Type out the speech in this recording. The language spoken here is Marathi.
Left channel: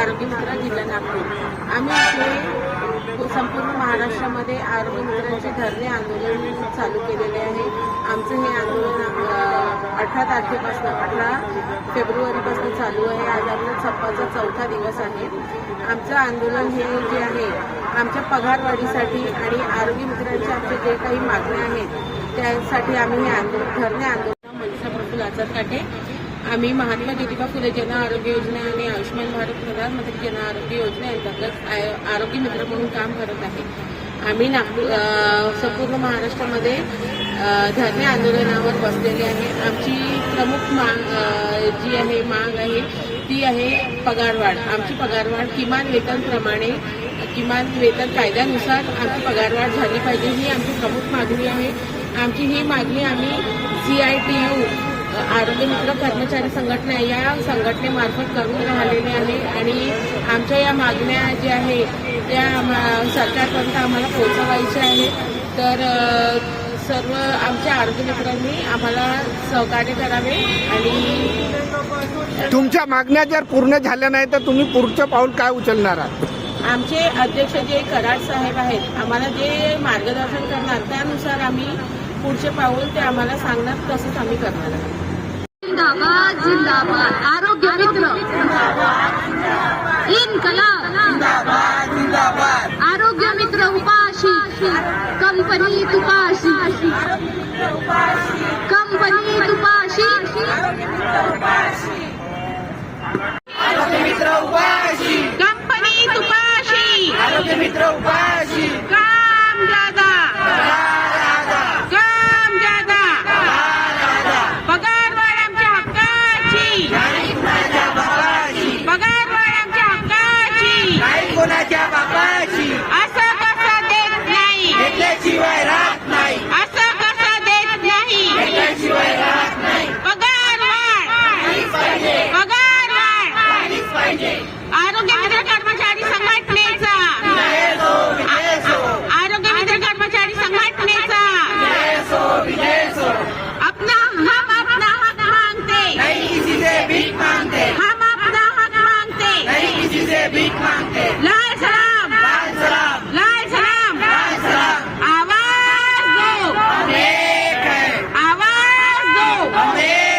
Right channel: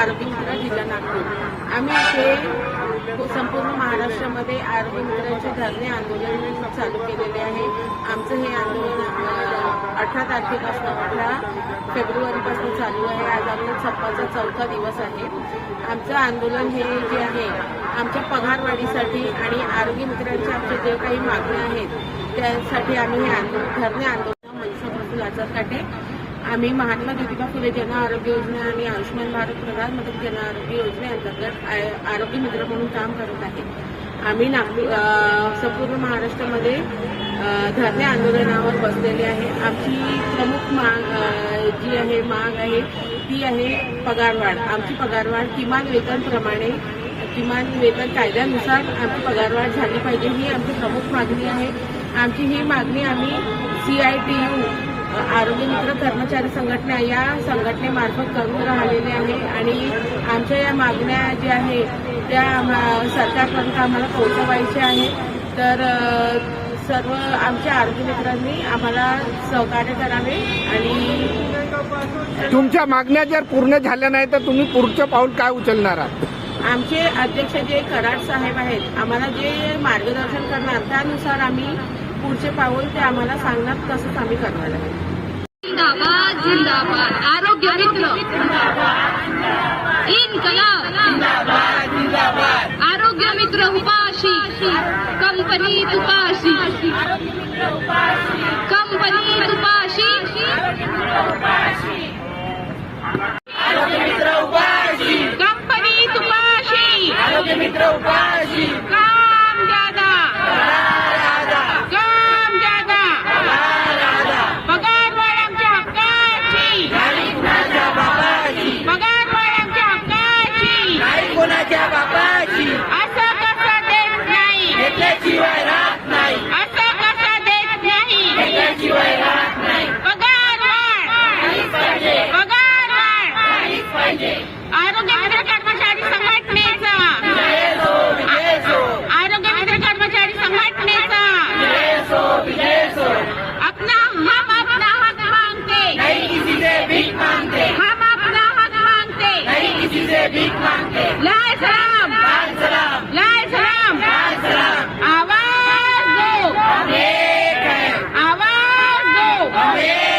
आरोग्य मित्र जिल्हा नागपूर. आम्ही इथे संपूर्ण महाराष्ट्रामध्ये आरोग्य मित्रांचे धरणे आंदोलन चालू केलेले आहे. आमचं हे आंदोलन अठरा तारखेपासून अठरा फेब्रुवारीपासून चालू आहे. आज आपला छप्पाचा चौथा दिवस आहे. आमचं आंदोलन हे जे आहे आमच्या पगारवाढीसाठी आणि आरोग्य मित्रांच्या आमच्या जे काही मागण्या आहेत त्यासाठी आम्ही हे आंदोलन धरणे आंदोलन मनसा प्रफुल आझाद काटे आम्ही महात्मा ज्योतिबा फुले जन आरोग्य योजना आणि आयुष्यमान भारत प्रधानमंत्री जन आरोग्य योजनेअंतर्गत आरोग्य मित्र म्हणून काम करत आहे. आम्ही नागपूर संपूर्ण महाराष्ट्रामध्ये धरणे आंदोलनावर बसलेले आहे. आमची प्रमुख माग जी आहे माग आहे ती आहे पगारवाढ. आमची पगारवाढ किमान वेतनप्रमाणे किमान वेतन कायद्यानुसार आमची पगारवाढ झाली पाहिजे ही आमची प्रमुख मागणी आहे. आमची ही मागणी आम्ही सी आय टी यू आरोग्य मित्र कर्मचारी संघटना या संघटनेमार्फत करून राहिलेले आहे आणि आमच्या या मागण्या ज्या आहे त्या आम्हा- सरकारपर्यंत आम्हाला पोहोचवायच्या आहे तर सर्व आमच्या आरोग्य मित्रांनी आम्हाला सहकार्य करावे आणि तुमच्या मागण्या जर पूर्ण झाल्या नाही तर तुम्ही पुढचं पाऊल काय उचलणार आहात? आमचे अध्यक्ष जे कराड साहेब आहेत आम्हाला जे मार्गदर्शन करणार त्यानुसार आम्ही पुढचे पाऊल ते आम्हाला सांगणार तसंच आम्ही करणार आहे. जिंदाबाद जिंदाबाद. आरोग्य मित्र. इन्कलाब आरोग्य मित्र उपाशी कंपनी तुपाशी. कंपनी तुपाशी. कंपनी तुपाशी. काम ज्यादा आरोग्य मित्र कर्मचारी संघटनेचा आरोग्य कर्मचारी संघटनेचा अपना हम अपना हक मांगते किसी से भीख मांगते हम अपना हक मांगते नहीं किसी से भीख मांगते सलाम. सलाम सलाम सलाम. आवाज़ दो. आवाज़ दो.